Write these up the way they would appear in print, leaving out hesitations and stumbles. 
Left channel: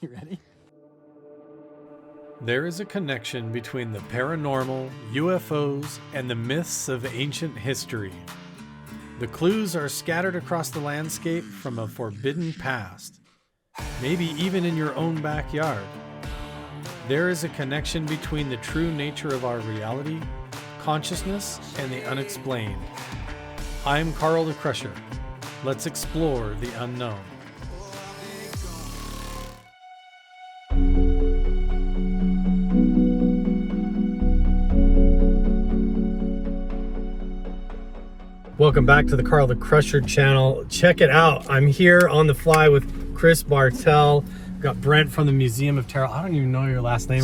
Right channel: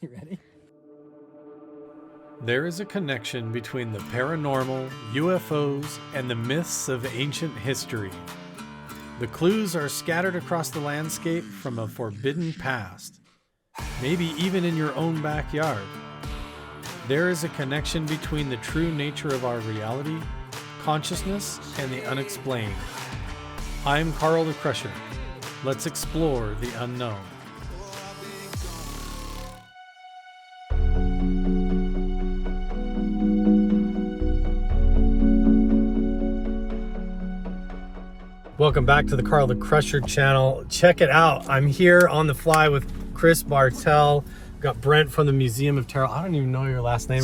You ready? There is a connection between the paranormal, UFOs, and the myths of ancient history. The clues are scattered across the landscape from a forbidden past, maybe even in your own backyard. There is a connection between the true nature of our reality, consciousness, and the unexplained. I'm Carl the Crusher. Let's explore the unknown. Welcome back to the Carl the Crusher channel. Check it out. I'm here on the fly with Chris Bartell. Got Brent from the Museum of Terror. I don't even know your last name.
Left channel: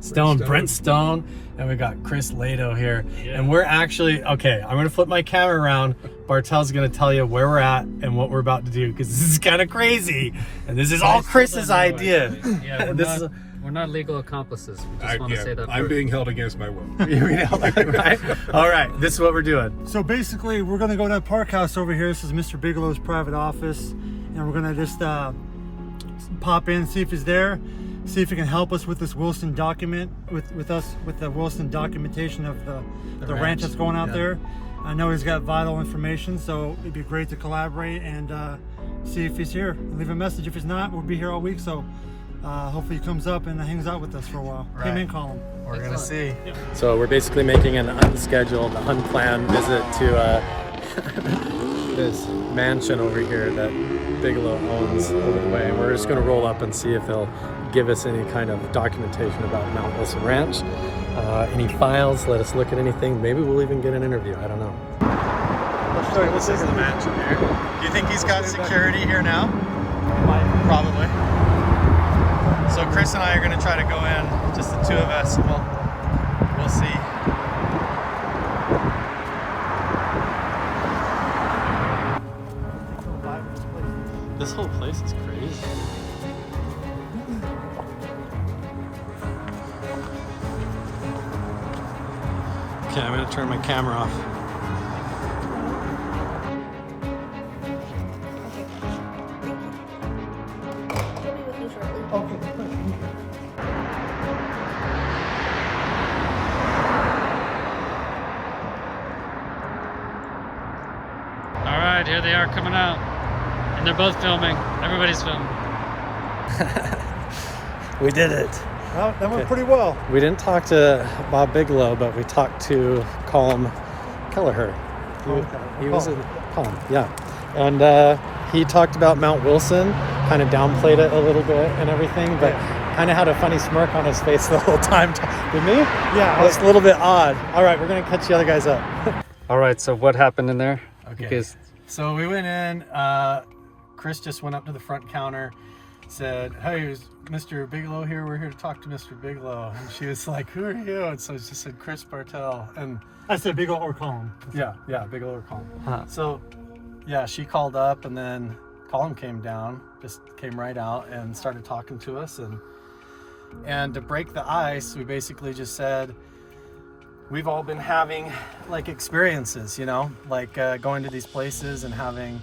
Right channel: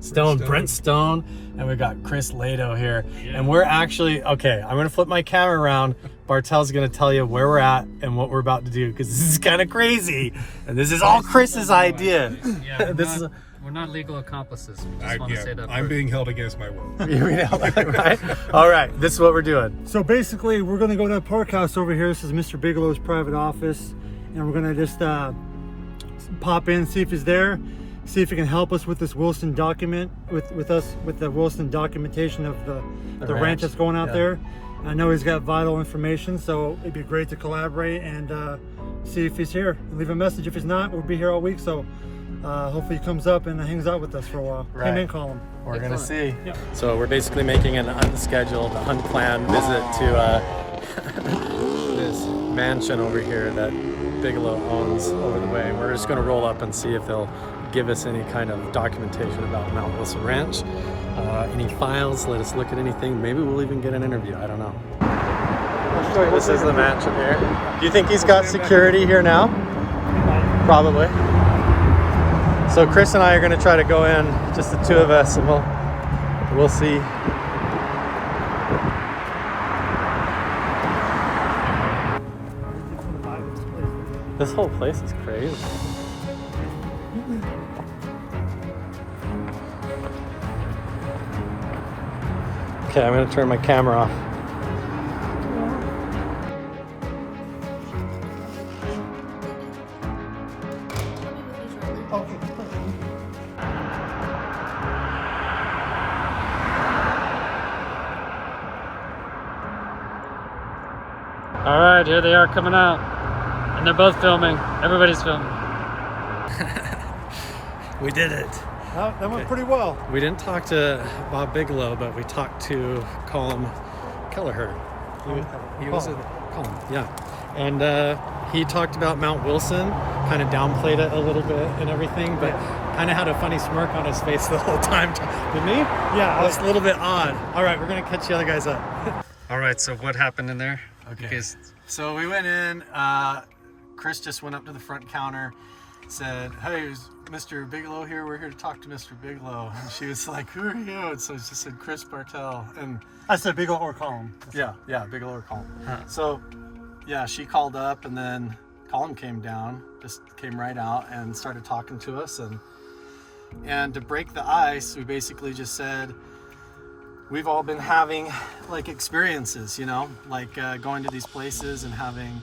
Stone. Brent Stone. And we got Chris Lato here. Yeah. And we're actually, okay, I'm going to flip my camera around. Bartell's going to tell you where we're at and what we're about to do, because this is kind of crazy. And this is all Chris's idea. Yeah, we're not legal accomplices. We just want to say that. I'm being held against my will. Right? All right, this is what we're doing. So basically, we're going to go to the park house over here. This is Mr. Bigelow's private office. And we're going to just pop in, see if he's there, see if he can help us with this Wilson document, with the Wilson documentation of the ranch that's going out there. I know he's got vital information, so it'd be great to collaborate and see if he's here and leave a message. If he's not, we'll be here all week, so hopefully he comes up and hangs out with us for a while. Right. Him and Colin. We're gonna see. Yep. So we're basically making an unscheduled, unplanned visit to this mansion over here that Bigelow owns over the way. We're just gonna roll up and see if they'll give us any kind of documentation about Mount Wilson Ranch. Any files, let us look at anything. Maybe we'll even get an interview, I don't know. So this is the mansion here. Do you think he's got security here now? Probably. So Chris and I are gonna try to go in, just the two of us, and we'll see. This whole place is crazy. Okay, I'm gonna turn my camera off. All right, here they are coming out. And they're both filming. Everybody's filming. We did it. Well, that went pretty well. We didn't talk to Bob Bigelow, but we talked to Colm Kelleher. He was in Colm, yeah. And he talked about Mount Wilson, kind of downplayed it a little bit and everything, but kind of had a funny smirk on his face the whole time. Didn't he? Yeah. It was a little bit odd. All right, we're going to catch the other guys up. All right, so what happened in there? Okay. So we went in, Chris just went up to the front counter, said, "Hey, is Mr. Bigelow here? We're here to talk to Mr. Bigelow." And she was like, "Who are you?" And so she said, "Chris Bartell." And I said Bigelow or Colin. yeah, Bigelow or Colin. Huh. So yeah, she called up, and then Colin came down, just came right out and started talking to us. And to break the ice, we basically just said, we've all been having like experiences, like going to these places and having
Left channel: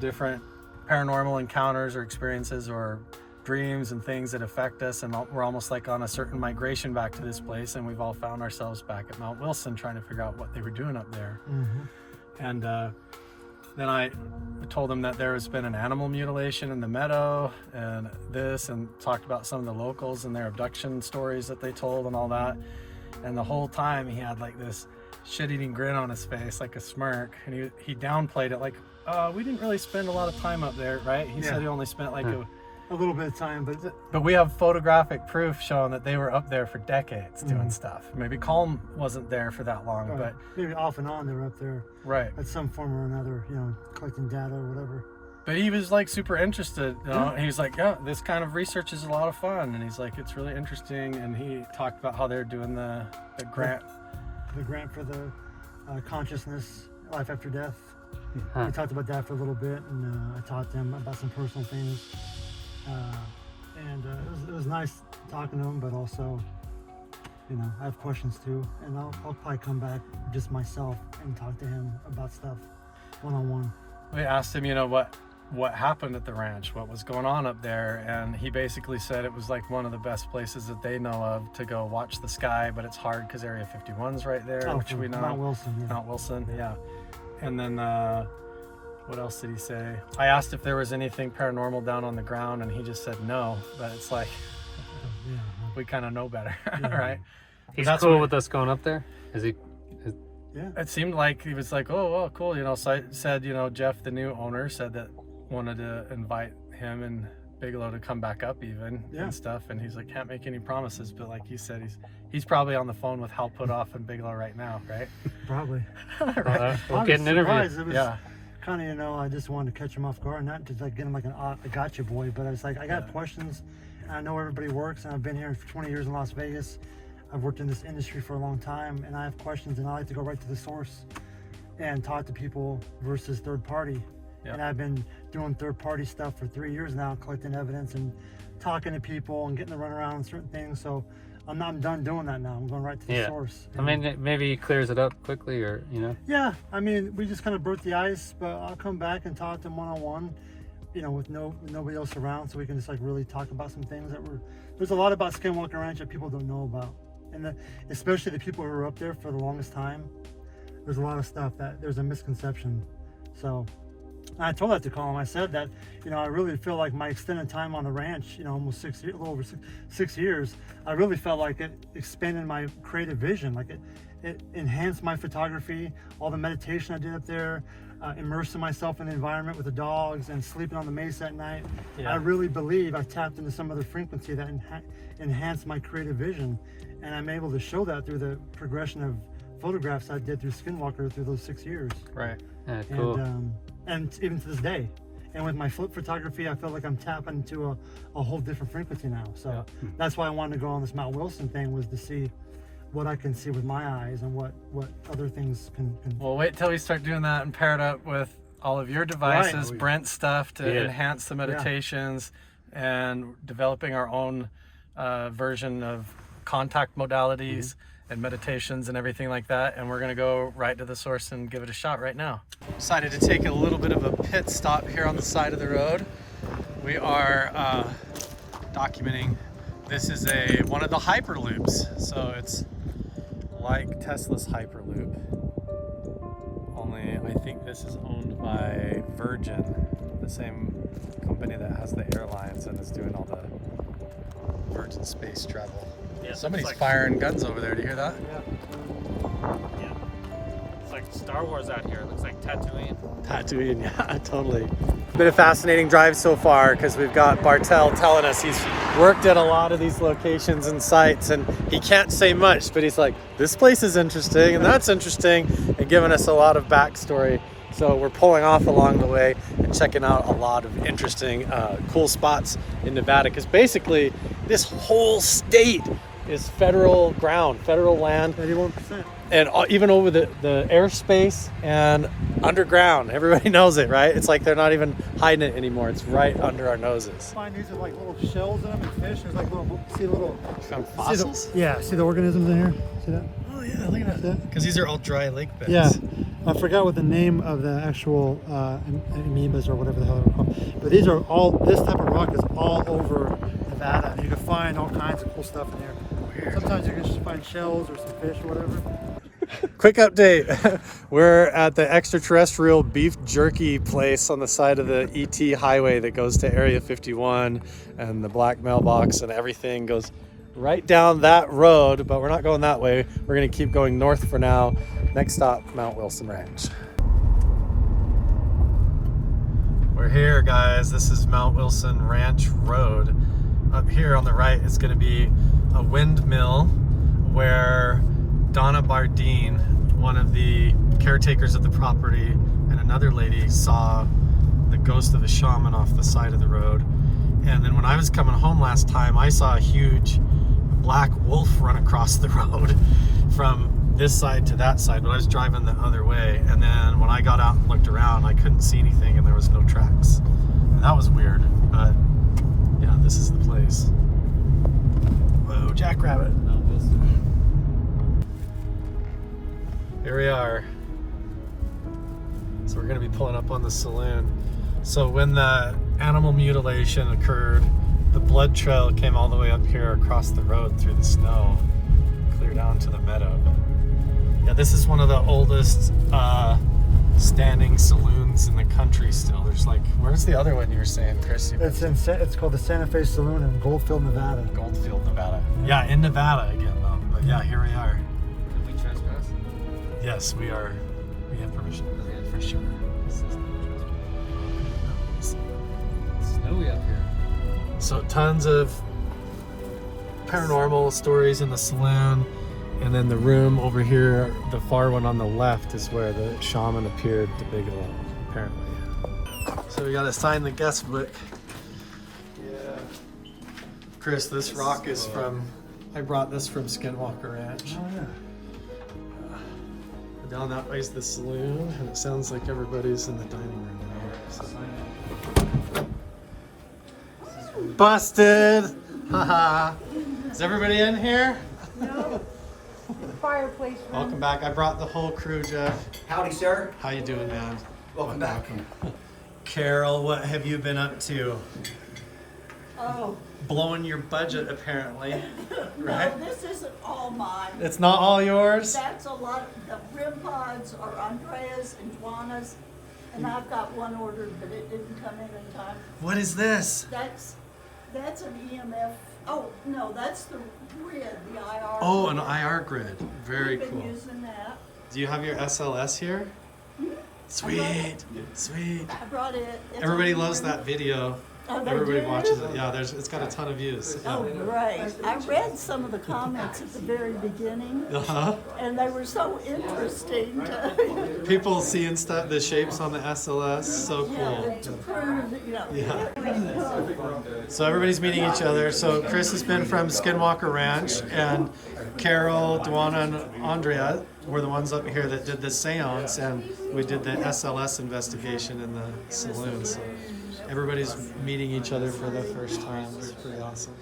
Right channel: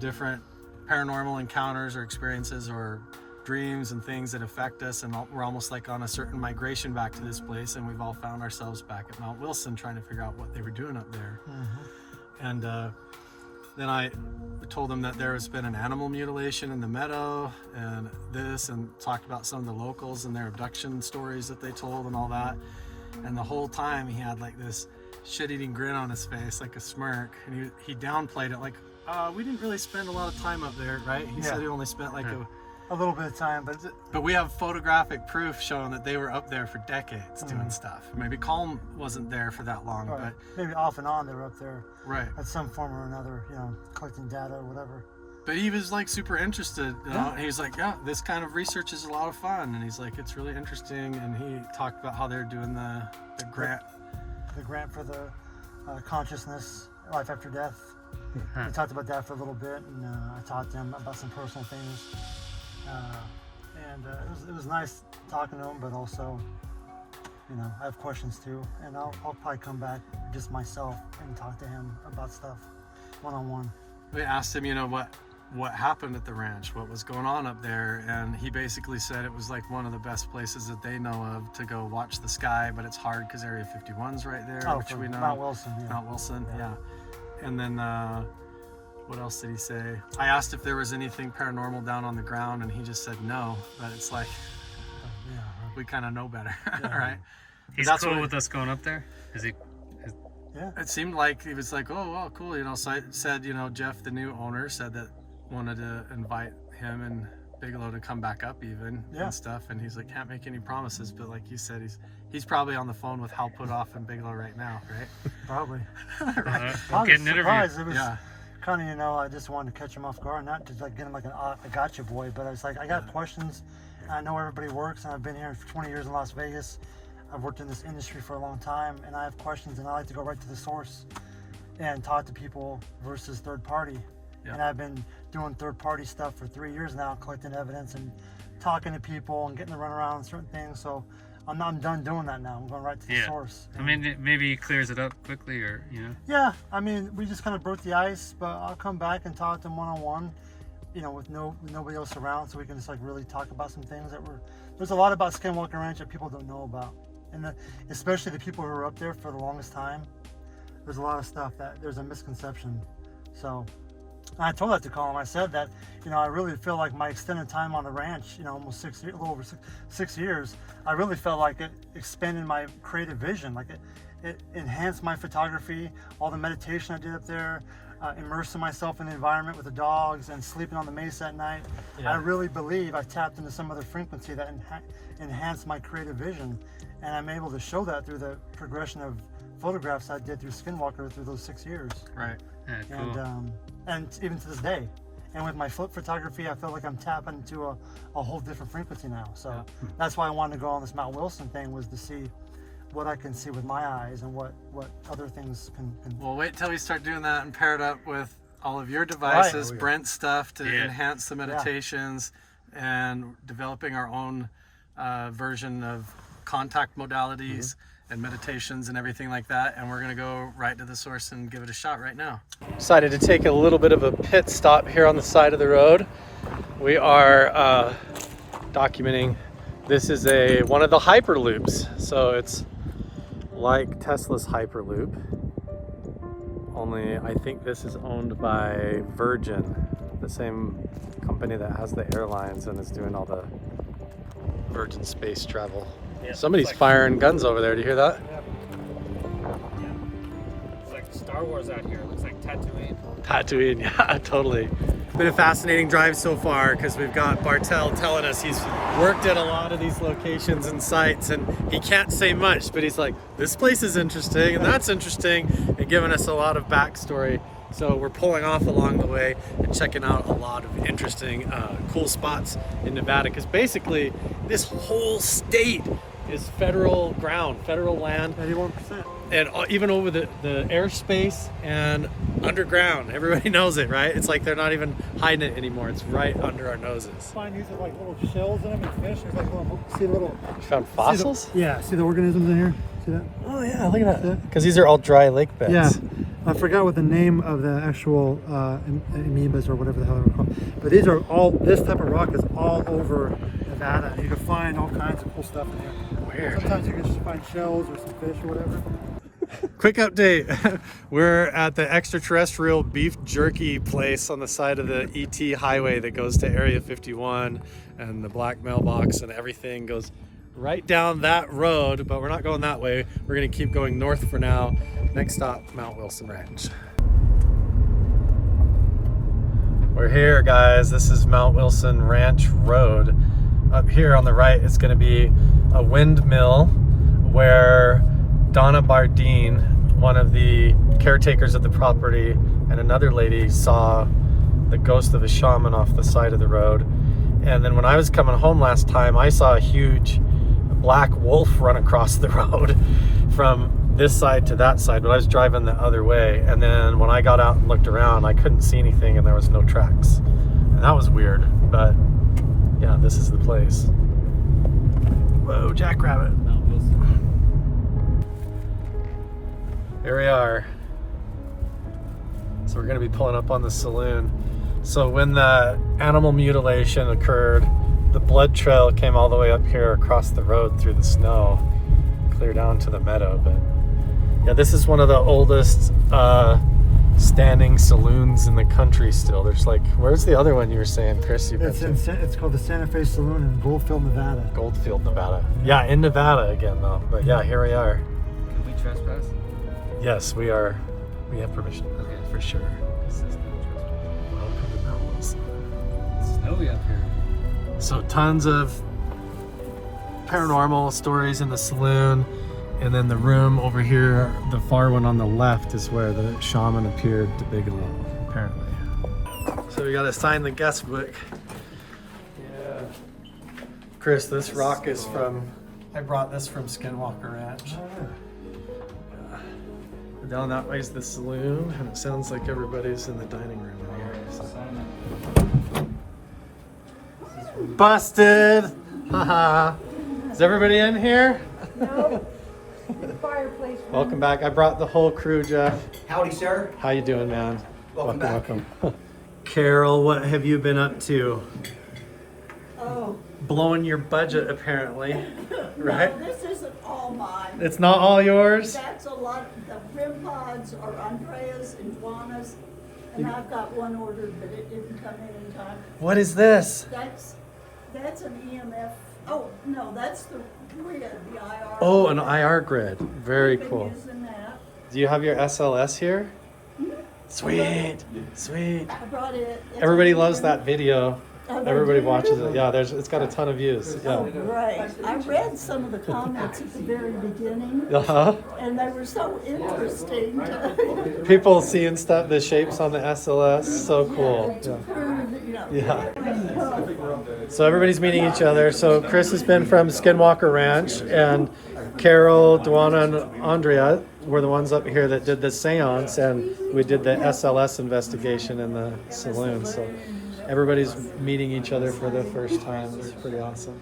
different paranormal encounters or experiences or dreams and things that affect us, and we're almost like on a certain migration back to this place, and we've all found ourselves back at Mount Wilson trying to figure out what they were doing up there. Mm-hmm. And then I told them that there has been an animal mutilation in the meadow and this, and talked about some of the locals and their abduction stories that they told and all that. And the whole time he had like this shit-eating grin on his face, like a smirk, and he downplayed it, like, we didn't really spend a lot of time up there, right? He said he only spent like a little bit of time, but we have photographic proof showing that they were up there for decades doing stuff. Maybe Colm wasn't there for that long, but maybe off and on they were up there, right, at some form or another, collecting data or whatever. But he was like super interested, and he was like, yeah, this kind of research is a lot of fun, and he's like, it's really interesting. And he talked about how they're doing the grant for the consciousness, life after death. We talked about that for a little bit, and I taught them about some personal things, and it was nice talking to him, but also, I have questions too, and I'll probably come back just myself and talk to him about stuff one-on-one. We asked him, what what happened at the ranch, what was going on up there, and he basically said it was like one of the best places that they know of to go watch the sky, but it's hard because Area 51's right there, which we know. Mount Wilson. Yeah. Mount Wilson, yeah. And then what else did he say? I asked if there was anything paranormal down on the ground, and he just said no, but it's like we kind of know better, right? He's cool with us going up there? Is he? Yeah. It seemed like he was like, oh, well, cool, you know. So I said, you know, Jeff, the new owner, said that wanted to invite him and Bigelow to come back up even and stuff, and he's like, can't make any promises, but like you said, he's probably on the phone with Hal Puthoff and Bigelow right now, right? Probably. Right. We'll get an interview. It was kind of, you know, I just wanted to catch him off guard, not to like get him like a gotcha boy, but I was like, I got questions. I know everybody works, and I've been here for 20 years in Las Vegas. I've worked in this industry for a long time, and I have questions, and I like to go right to the source and talk to people versus third party. And I've been doing third party stuff for 3 years now, collecting evidence and talking to people and getting to run around certain things. So I'm done doing that now. I'm going right to the source. I mean, maybe he clears it up quickly, or, you know? Yeah, I mean, we just kind of broke the ice, but I'll come back and talk to him one-on-one, you know, with nobody else around, so we can just like really talk about some things that there's a lot about Skinwalker Ranch that people don't know about. And especially the people who were up there for the longest time, there's a lot of stuff that there's a misconception. So I told that to Colin. I said that, you know, I really feel like my extended time on the ranch, you know, almost 6 years, a little over six years, I really felt like it expanded my creative vision. Like it enhanced my photography, all the meditation I did up there, immersing myself in the environment with the dogs and sleeping on the mesa at night. I really believe I tapped into some other frequency that enhanced my creative vision. And I'm able to show that through the progression of photographs I did through Skinwalker through those 6 years. Right. Yeah, cool. And even to this day. And with my flip photography, I feel like I'm tapping into a whole different frequency now. So that's why I wanted to go on this Mount Wilson thing, was to see what I can see with my eyes and what other things can. Well, wait till we start doing that and pair it up with all of your devices, Brent's stuff to enhance the meditations, and developing our own version of contact modalities and meditations and everything like that. And we're gonna go right to the source and give it a shot right now. Decided to take a little bit of a pit stop here on the side of the road. We are documenting. This is one of the Hyperloops. So it's like Tesla's Hyperloop, only I think this is owned by Virgin, the same company that has the airlines and is doing all the Virgin space travel. Yeah, somebody's firing guns over there. Do you hear that? Yeah. It's like Star Wars out here. It looks like Tatooine. Tatooine, yeah, totally. Been a fascinating drive so far, because we've got Bartel telling us he's worked at a lot of these locations and sites, and he can't say much, but he's like, this place is interesting and that's interesting, and giving us a lot of backstory. So we're pulling off along the way and checking out a lot of interesting, cool spots in Nevada, because basically this whole state is federal ground, federal land. 81%. And even over the airspace and underground. Everybody knows it, right? It's like they're not even hiding it anymore. It's right under our noses. Find these with like little shells in them and fish. There's like little, You found fossils? See the organisms in here? See that? Oh yeah, look at that. Because these are all dry lake beds. Yeah. I forgot what the name of the actual amoebas or whatever the hell they're called. But this type of rock is all over Nevada. You can find all kinds of cool stuff in here. Weird. Sometimes you can just find shells or some fish or whatever. Quick update. We're at the extraterrestrial beef jerky place on the side of the ET highway that goes to Area 51, and the black mailbox and everything goes right down that road, but we're not going that way. We're gonna keep going north for now. Next stop, Mount Wilson Ranch. We're here, guys. This is Mount Wilson Ranch Road. Up here on the right, it's gonna be a windmill where Donna Bardeen, one of the caretakers of the property, and another lady saw the ghost of a shaman off the side of the road. And then when I was coming home last time, I saw a huge black wolf run across the road from this side to that side, but I was driving the other way. And then when I got out and looked around, I couldn't see anything and there was no tracks. And that was weird, but yeah, this is the place. Whoa, jackrabbit. Here we are. So we're gonna be pulling up on the saloon. So when the animal mutilation occurred, the blood trail came all the way up here across the road through the snow, clear down to the meadow. But yeah, this is one of the oldest standing saloons in the country still. There's like, where's the other one you were saying, Chris? It's called the Santa Fe Saloon in Goldfield, Nevada. Goldfield, Nevada. Yeah, in Nevada again though. But yeah, here we are. Can we trespass? Yes, we are. We have permission for sure. It's snowy up here. So tons of paranormal stories in the saloon, and then the room over here, the far one on the left, is where the shaman appeared to Bigelow, apparently. So we gotta sign the guest book. Yeah. Chris, this rock is from, I brought this from Skinwalker Ranch. Yeah. Down that way is the saloon, and it sounds like everybody's in the dining room in here. So. Busted! Haha. Is everybody in here? No. The fireplace room. Welcome back. I brought the whole crew, Jeff. Howdy, sir. How you doing, man? Welcome back. Carol, what have you been up to? Oh. Blowing your budget, apparently. Right? No, this isn't all mine. It's not all yours? That's a lot. The rim pods are Andrea's and Juana's, and I've got one ordered, but it didn't come in time. What is this? That's an EMF. Oh no, that's the grid, the IR. Oh, an IR grid. Very We've been cool. using that. Do you have your SLS here? Mhm. Sweet, sweet. I brought it. It's Everybody on loves here. that video. Oh, they Everybody do? watches it. Yeah, it's got a ton of views. Oh, Yeah. great. I read some of the comments at the very beginning, Uh-huh. and they were so interesting. People seeing stuff, the shapes on the SLS, so cool. To prove, you know. Yeah. So everybody's meeting each other. So Chris has been from Skinwalker Ranch, and Carol, Duana, and Andrea were the ones up here that did the seance, and we did the SLS investigation in the saloon. So everybody's meeting each other for the first time. It's pretty awesome.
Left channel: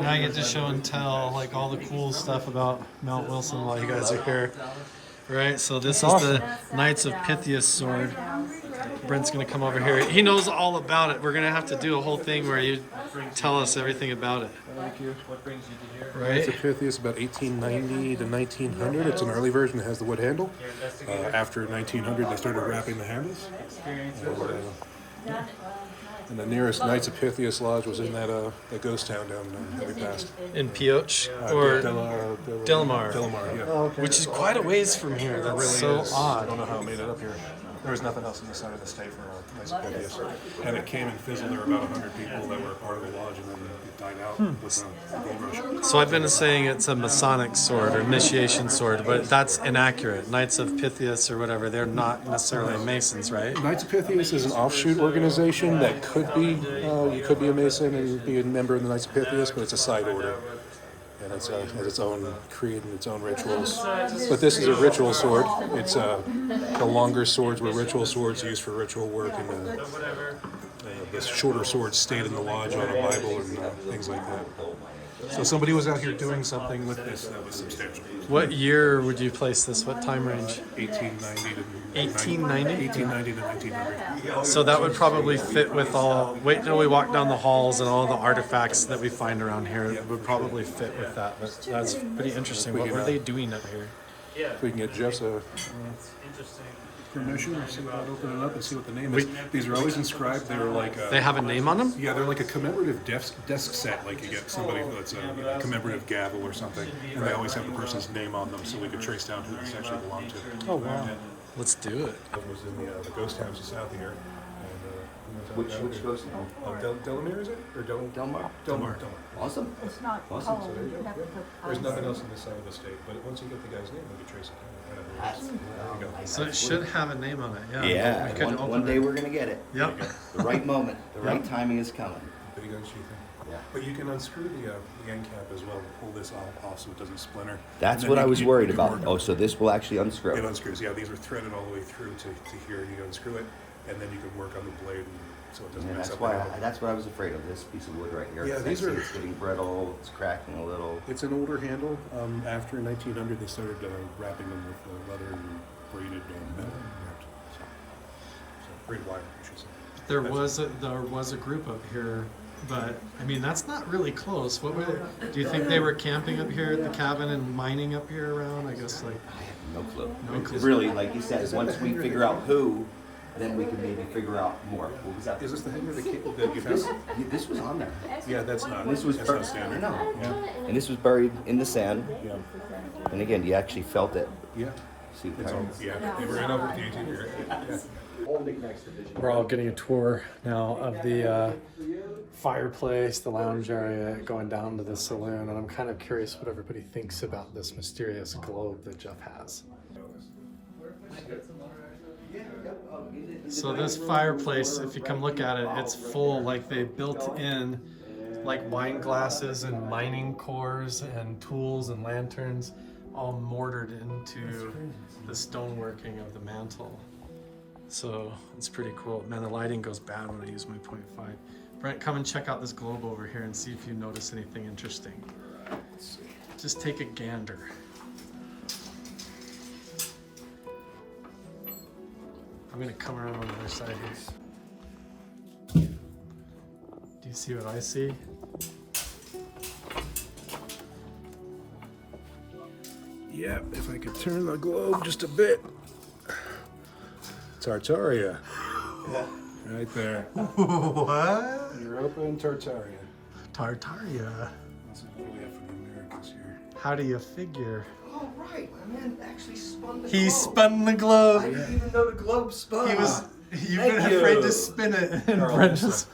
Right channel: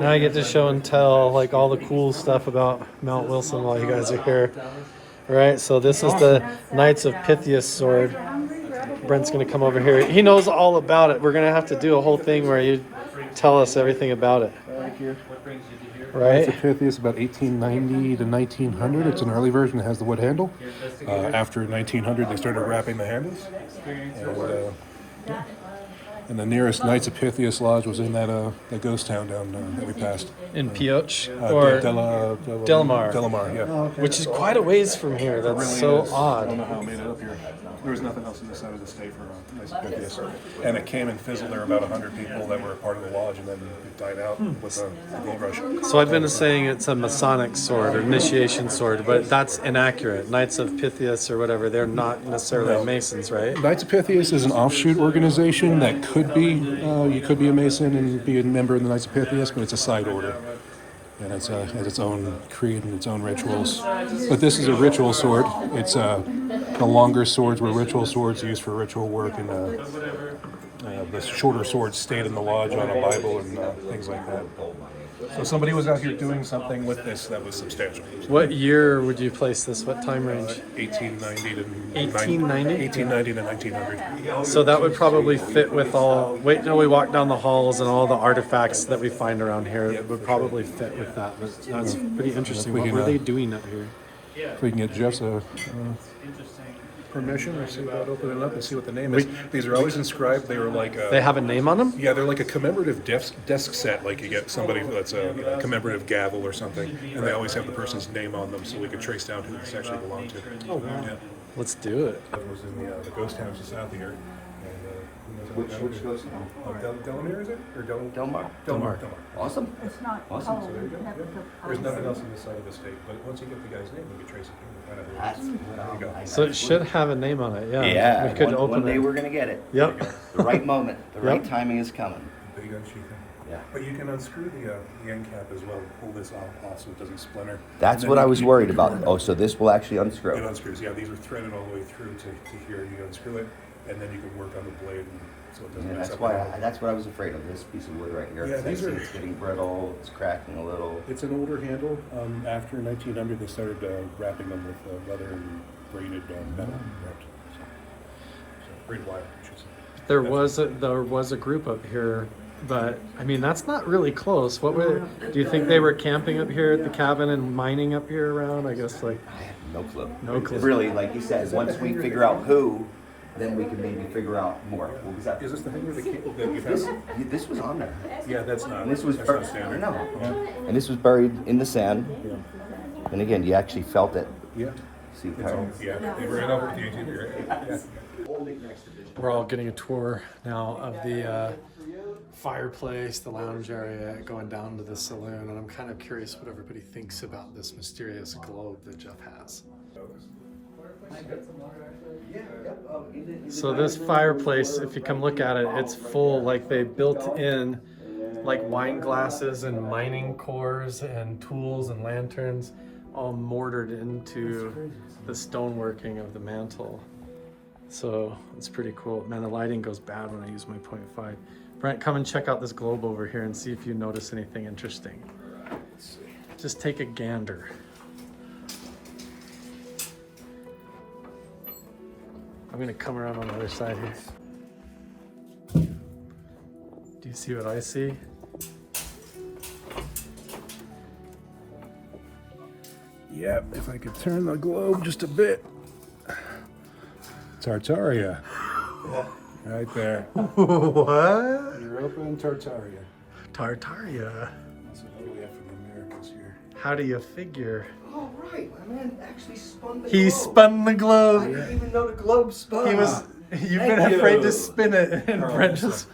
Now I get to show and tell like all the cool stuff about Mount Wilson while you guys are here. Right, so this is the Knights of Pythias sword. Brent's gonna come over here. He knows all about it. We're gonna have to do a whole thing where you tell us everything about it. Thank you. Right? It's a Pythias about 1890 to 1900. It's an early version that has the wood handle. After 1900, they started wrapping the handles. And the nearest Knights of Pythias lodge was in that ghost town down that we passed. In Pioche or Delamar. Delamar, yeah. Which is quite a ways from here. That's Really so is. I odd. don't know how it made it up here. There was nothing else in the side of the state for Knights of Pythias. And it came and fizzled. There were about 100 people that were part of the lodge, and then it died out with the gold rush. So I've been saying it's a Masonic sword or initiation sword, but that's inaccurate. Knights of Pythias or whatever, they're not necessarily Masons, right? Knights of Pythias is an offshoot organization that could be, you could be a Mason and be a member of the Knights of Pythias, but it's a side order. And it has its own creed and its own rituals. But this is a ritual sword. It's the longer swords were ritual swords used for ritual work, and the shorter swords stayed in the lodge on a Bible and things like that. So somebody was out here doing something with this that was substantial. What year would you place this? What time range? 1890 to 1890? 1890 to 1900. So that would probably fit with all. Wait till we walk down the halls and all the artifacts that we find around here. It would probably fit with that. But that's pretty interesting. What were they doing up here? We can get Jeff's permission to see about opening it up and see what the name is. These are always inscribed. They were like They have a name on them? yeah, they're like a commemorative desk set. Like you get somebody that's a commemorative gavel or something, and they always have the person's name on them, so we could trace down who this actually belonged to. Oh wow! Yeah. Let's do it. It was in the ghost towns just south of here. Which ghost town? Delamere, is it? Or Delmar? Delmar. Awesome. It's not Awesome. cold. So there you go. You have to Yep. put There's cold. nothing else in this side of the state, but once you get the guy's name, you can trace it down. That's There you go. So it should have a name on it. Yeah. Yeah, We could one open day it. we're gonna get it. Yep. The right moment, the right Yep. timing is coming. Big unsheathing. Yeah. But you can unscrew the end cap as well and pull this off so it doesn't splinter. That's And then what I you- was you- worried you about. work- Oh, so this will actually It unscrew. unscrews. Yeah, these are threaded all the way through to here. You unscrew it, and then you can work on the blade so it doesn't Yeah, mix that's up. why. at all. That's what I was afraid of. This piece of wood right here. Yeah, 'Cause I these see are- it's getting brittle. It's cracking a little. It's an older handle. After 1900, they started wrapping them with leather and braided metal wrapped. Great White, I should say. There was a group up here, but I mean that's not really close. Do you think they were camping up here at the cabin and mining up here around? I guess like I have no clue. No clue. Really, like you said, once we figure out who, then we can maybe figure out more. What was that? Is this the hangar that you found? This was on there. Yeah, that's not. And this was that's buried. not standard. No. Yeah. And this was buried in the sand. Yeah. And again, you actually felt it. Yeah. See It's how all, yeah. You ran over with the ATV, right? Yeah. we're all getting a tour now of the fireplace, the lounge area, going down to the saloon, and I'm kind of curious what everybody thinks about this mysterious globe that Jeff has. So this fireplace, if you come look at it, it's full, like they built in like wine glasses and mining cores and tools and lanterns, all mortared into the stoneworking of the mantle. So it's pretty cool. Man, the lighting goes bad when I use my 0.5. Brent, come and check out this globe over here and see if you notice anything interesting. Just take a gander. I'm gonna come around on the other side here. Do you see what I see? Yep, if I could turn the globe just a bit. Tartaria. Right there. What? Europa and Tartaria. Tartaria. So what do we have from the Americas here? How do you figure? Oh, right. My man actually spun the He globe. spun the I globe. didn't even know the globe spun. You've been Thank afraid you. to spin it. And Brent just,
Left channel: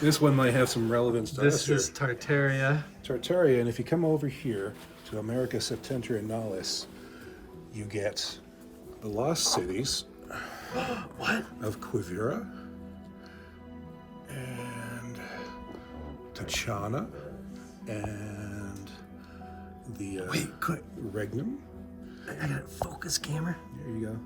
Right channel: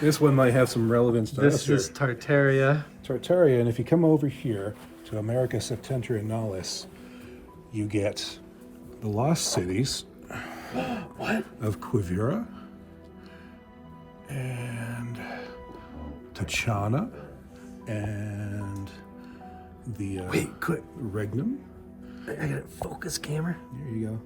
This one might have some relevance to this us is Tartaria. here. Tartaria, and if you come over here to America Septentrionalis, you get the lost cities What? of Quivira and Tachana and the Wait, quick. Regnum. I got a focus camera. There you go.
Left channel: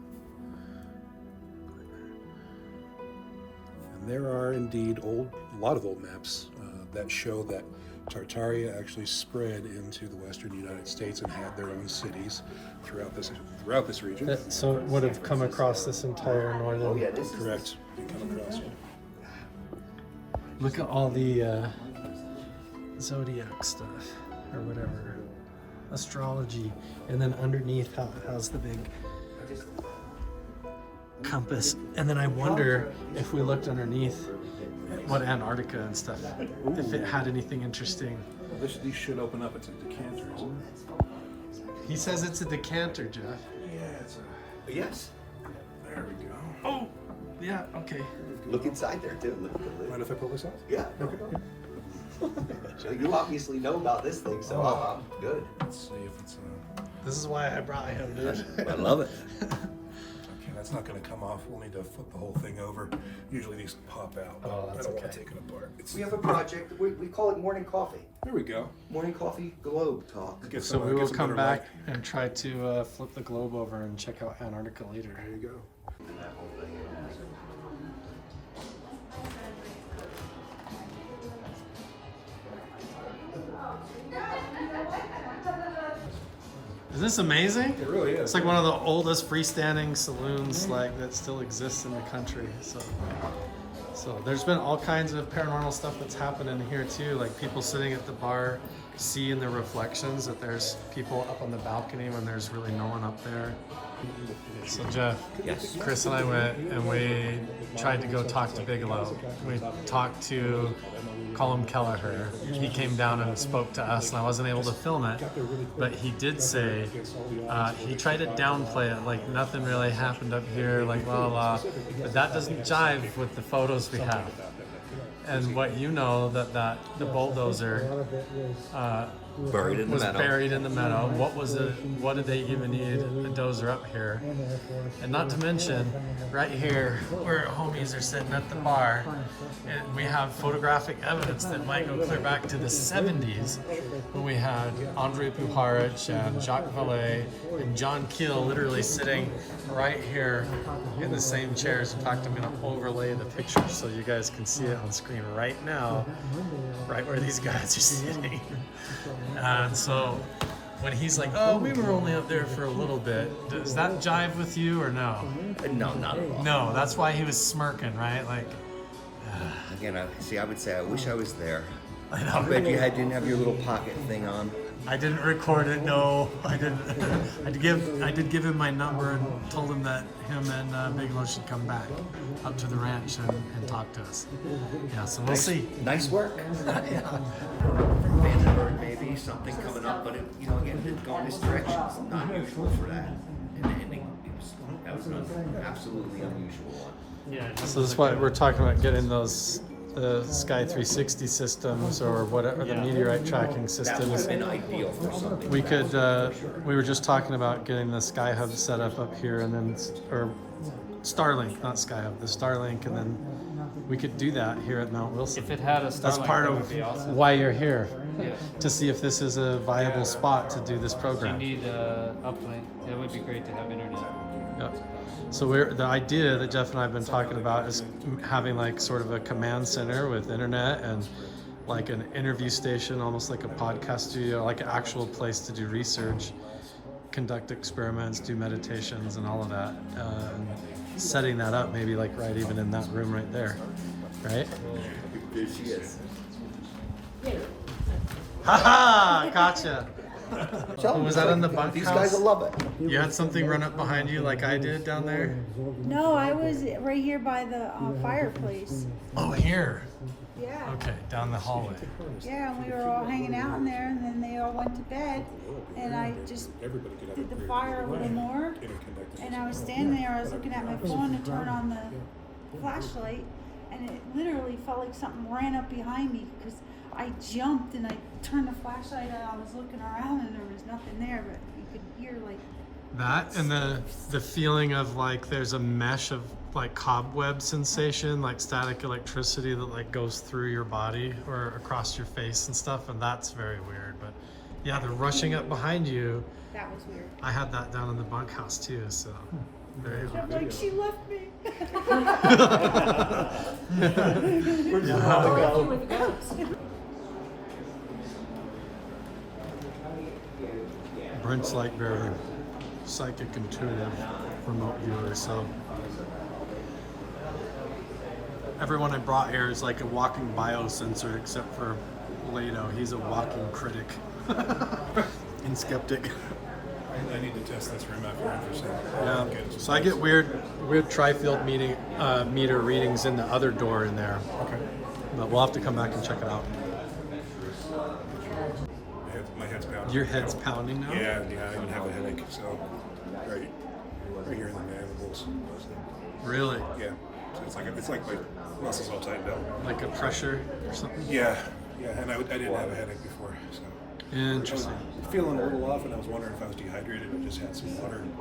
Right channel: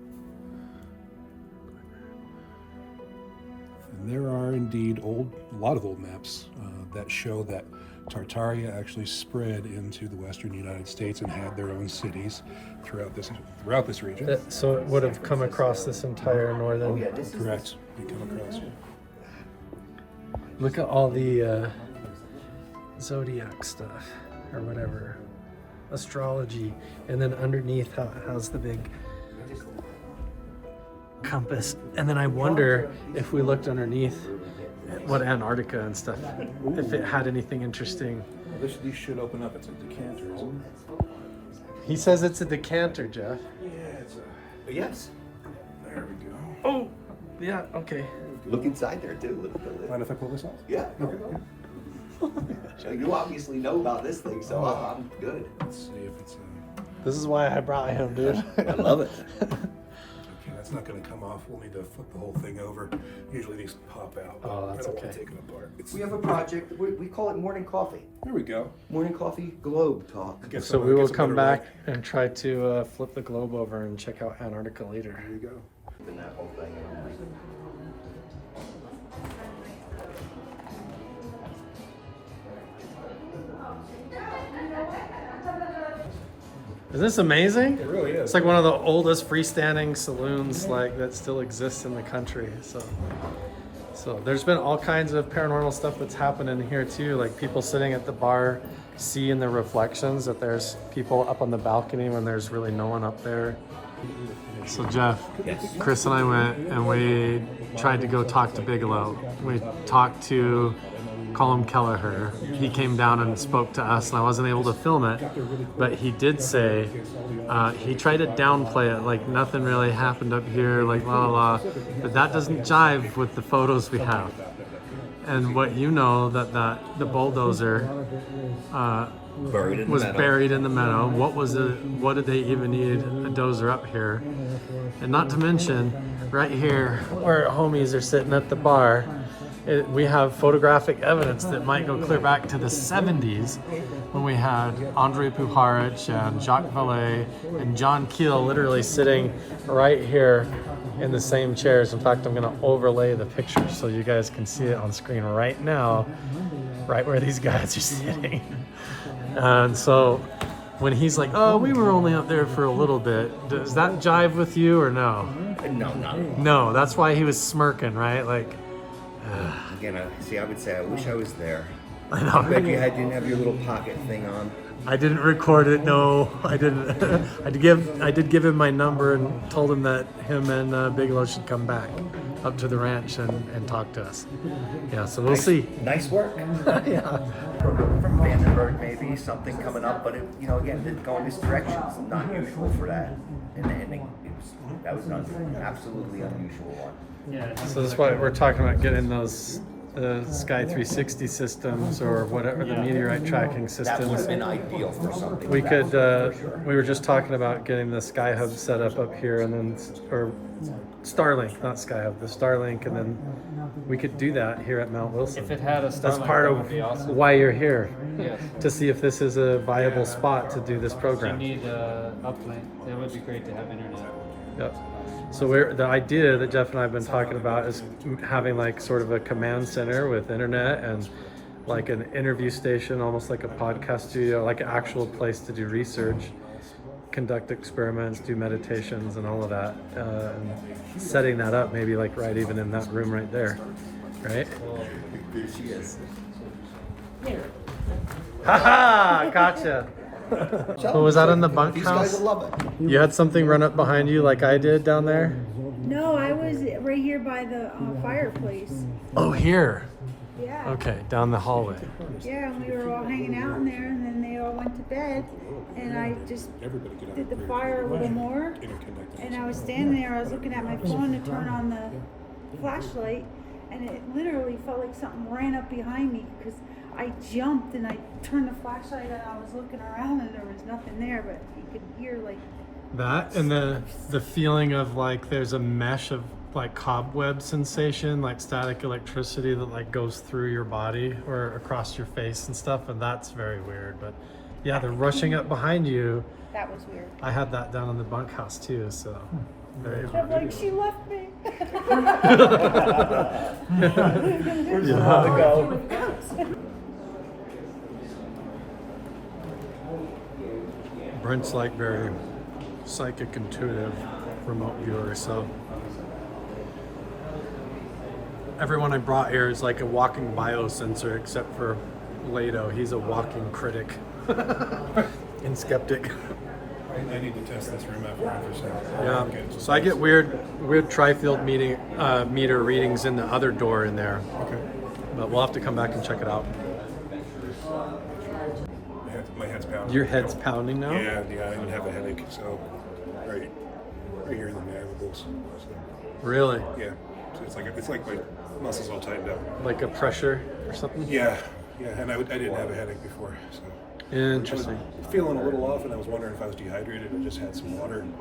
And there are indeed a lot of old maps that show that Tartaria actually spread into the western United States and had their own cities throughout this region. So it would have come across this entire northern. Oh, yeah, this is Correct. You come across it. Look at all the zodiac stuff or whatever, astrology, and then underneath has the big compass. And then I wonder if we looked underneath what Antarctica and stuff, if it had anything interesting. Well, these should open up. It's a decanter, isn't it? He says it's a decanter, Jeff. Yeah, it's a. Yes. There we go. Oh, yeah, okay. Look inside there too. Look at the- Mind if I pull this out? Yeah. You obviously know about this thing, so I'm good. Let's see if it's This is why I brought him, dude. I love it. okay. That's not going to come off. We'll need to flip the whole thing over. Usually these pop out. But Oh, that's I don't want okay. to take it apart. We have a project. We call it Morning Coffee. There we go. Morning Coffee Globe Talk. Get So some- we will get some come better back and try to flip the globe over and check out Antarctica later. light. There you go. And that whole thing. Isn't this amazing? It really is. It's like one of the oldest freestanding saloons like that still exists in the country. So there's been all kinds of paranormal stuff that's happened in here too, like people sitting at the bar seeing the reflections that there's people up on the balcony when there's really no one up there. So Jeff, Yes. Chris and I went and we tried to go talk to Bigelow. We talked to Colm Kelleher. He came down and spoke to us, and I wasn't able to film it, but he did say he tried to downplay it, like nothing really happened up here, like la la la, but that doesn't jive with the photos we have. And what you know that the bulldozer Buried in the was meadow. buried in the meadow. What did they even need a dozer up here? And not to mention, right here where homies are sitting at the bar, we have photographic evidence that might go clear back to the 70s when we had Andrei Puharich and Jacques Vallée and John Keel literally sitting right here in the same chairs. In fact, I'm going to overlay the pictures so you guys can see it on screen right now, right where these guys are sitting. And so when he's like, "Oh, we were only up there for a little bit," does that jive with you or no? No, not at all. No, that's why he was smirking, right? Like, Again, I would say I wish I was there. I know. Maybe I didn't have your little pocket thing on. I didn't record it. No, I didn't. I did give him my number and told him that him and Bigelow should come back up to the ranch and talk to us. Yeah, so we'll see. Nice work. Yeah. From Vandenberg, maybe something coming up, but it, you know, again, didn't go in this direction. It's not usual for that, and that was an absolutely unusual one. So that's why we're talking about getting those the Sky 360 systems or whatever, the meteorite tracking That would systems. have been ideal for something. We like could, that, for sure. we were just talking about getting the Sky Hub set up here and then, or Starlink, not Sky Hub, the Starlink, and then we could do that here at Mount Wilson. If it had a That's Starlink, part that of would be awesome. why you're here, Yes. to see if this is a viable spot to do this If you program. need uplink, it would be great to have internet. Yep. So the idea that Jeff and I have been talking about is having like sort of a command center with internet and like an interview station, almost like a podcast studio, like an actual place to do research, conduct experiments, do meditations and all of that. And setting that up maybe like right even in that room right there, right? There she is. Haha, gotcha. So was that in the These guys bunkhouse? will love it. You had something run up behind you like I did down there? No, I was right here by the fireplace. Oh, here. Yeah. Okay, down the hallway. Yeah, and we were all hanging out in there, and then they all went to bed, and I just did the fire a little more, and I was standing there, I was looking at my phone to turn on the flashlight, and it literally felt like something ran up behind me, because I jumped and I turned the flashlight on, I was looking around and there was nothing there, but you could hear like... That and the feeling of like there's a mesh of like cobweb sensation, like static electricity that like goes through your body or across your face and stuff, and that's very weird. But yeah, the rushing up behind you, That was weird. I had that down in the bunkhouse too, so very I'm like, she left me. Brent's like very psychic intuitive remote viewer, so everyone I brought here is like a walking biosensor except for Lato. He's a walking critic and skeptic. I need to test this room out for infrasound. Yeah, so I get weird tri-field meter readings in the other door in there. Okay. But we'll have to come back and check it out. My head's pounding. Your head's pounding now? Yeah, I even have a headache. So, right here in the mandibles. So, Really? yeah. So it's like my muscles all tightened up. Like a pressure or something? Yeah, and I didn't have a headache before, so. I was Interesting. feeling a little off, and I was wondering if I was dehydrated or just had some water. And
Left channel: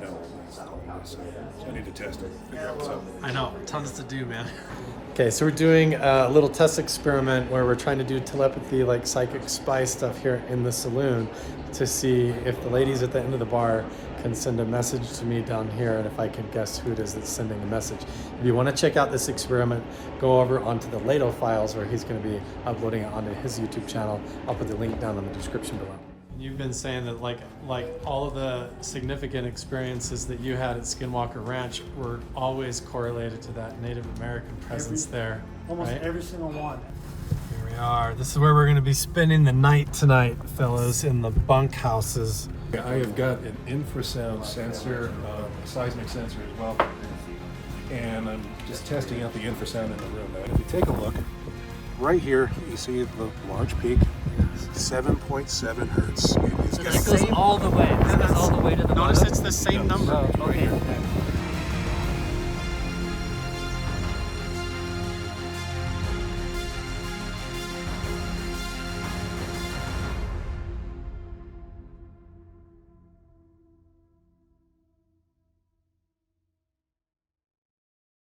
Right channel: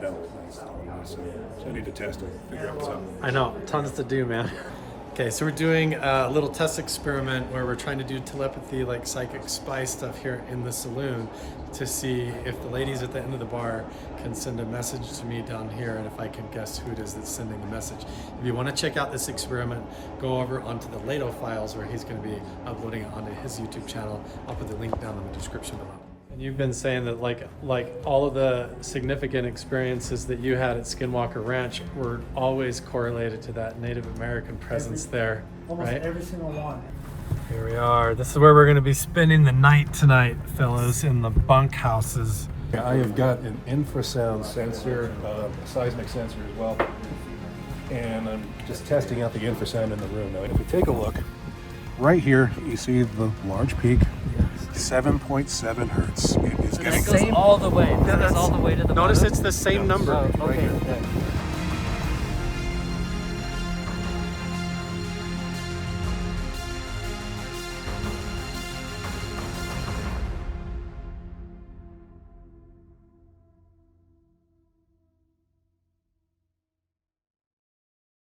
no, that's not what it is. So I need to test it, figure out what's up. I know, tons to do, man. Okay, so we're doing a little test experiment where we're trying to do telepathy, like psychic spy stuff here in the saloon to see if the ladies at the end of the bar can send a message to me down here and if I can guess who it is that's sending the message. If you want to check out this experiment, go over onto the Lato files where he's going to be uploading it onto his YouTube channel. I'll put the link down in the description below. You've been saying that like all of the significant experiences that you had at Skinwalker Ranch were always correlated to that Native American presence there, Almost right? every single one. Here we are. This is where we're going to be spending the night tonight, fellas, in the bunk houses. I have got an infrasound sensor, a seismic sensor as well, and I'm just testing out the infrasound in the room. Now, if you take a look, right here, you see the large peak, 7.7 hertz. It goes all the way. It goes all the way to the Notice bottom. it's the same number. Oh, okay.